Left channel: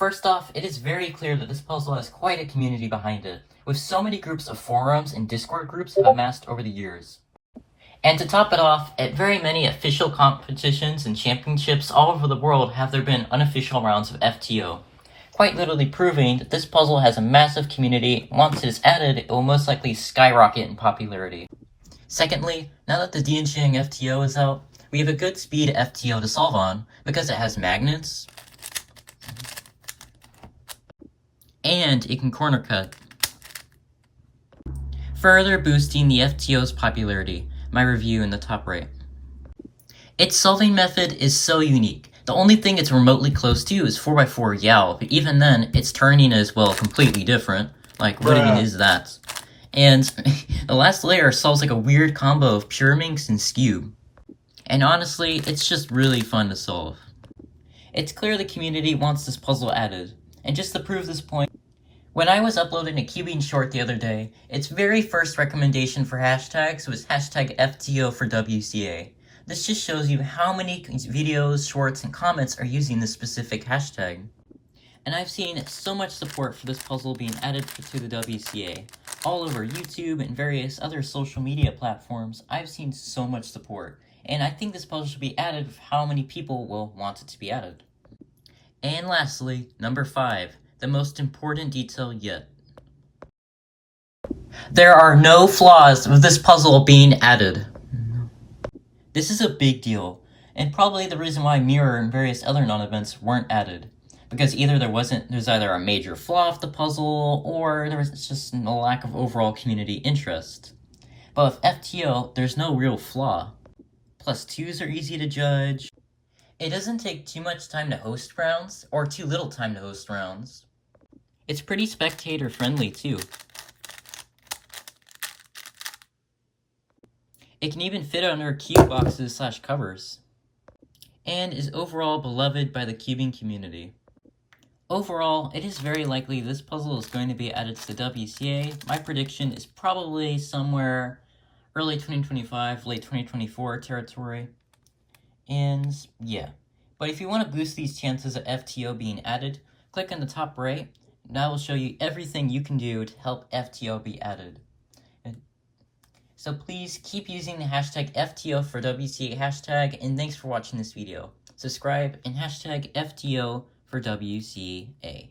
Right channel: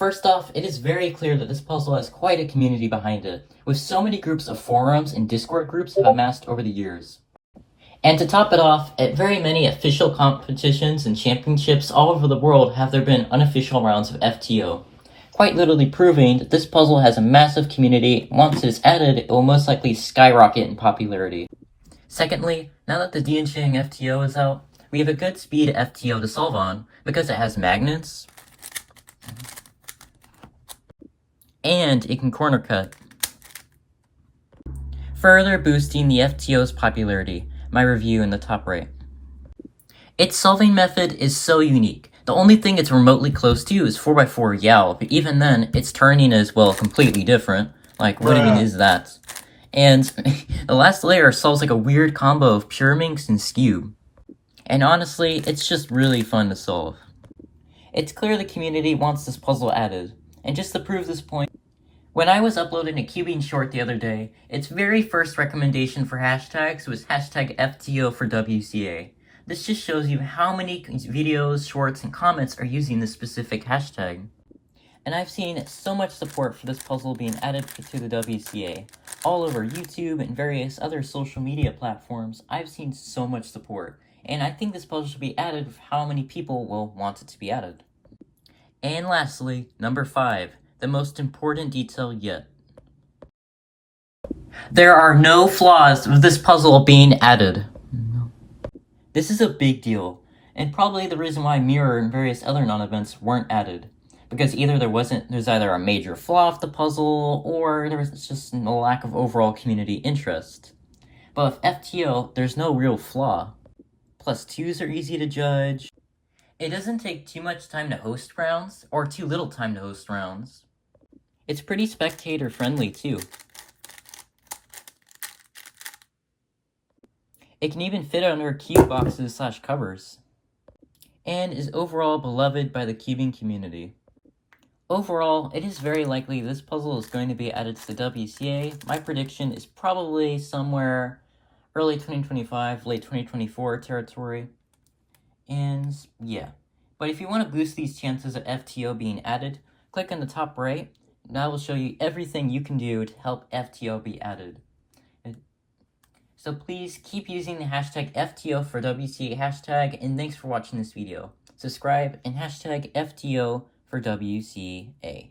First off, it is very clear that this puzzle has quite a community behind it, with so many groups of forums and Discord groups have amassed over the years. And to top it off, at very many official competitions and championships all over the world have there been unofficial rounds of FTO, quite literally proving that this puzzle has a massive community. Once it is added, it will most likely skyrocket in popularity. Secondly, now that the Diancheng FTO is out, we have a good speed FTO to solve on, because it has magnets, and it can corner cut, further boosting the FTO's popularity. My review in the top right. Its solving method is so unique. The only thing it's remotely close to is 4x4 Yao, but even then, its turning is, well, completely different. Like, what even is that? And the last layer solves like a weird combo of pure minx and skew. And honestly, it's just really fun to solve. It's clear the community wants this puzzle added, and just to prove this point, when I was uploading a cubing short the other day, its very first recommendation for hashtags was hashtag FTOFORWCA. This just shows you how many videos, shorts, and comments are using this specific hashtag. And I've seen so much support for this puzzle being added to the WCA. All over YouTube and various other social media platforms, I've seen so much support. And I think this puzzle should be added with how many people will want it to be added. And lastly, number 5. The most important detail yet. There are no flaws with this puzzle being added. This is a big deal, and probably the reason why Mirror and various other non-events weren't added. Because either there's either a major flaw of the puzzle, or there's just a lack of overall community interest. But with FTO, there's no real flaw. Plus 2s are easy to judge. It doesn't take too much time to host rounds, or too little time to host rounds. It's pretty spectator-friendly, too. It can even fit under cube boxes / covers. And is overall beloved by the cubing community. Overall, it is very likely this puzzle is going to be added to the WCA. My prediction is probably somewhere early 2025, late 2024 territory. And yeah. But if you want to boost these chances of FTO being added, click on the top right. That will show you everything you can do to help FTO be added. So please keep using the hashtag FTOFORWCA hashtag, and thanks for watching this video. Subscribe and hashtag FTOFORWCA.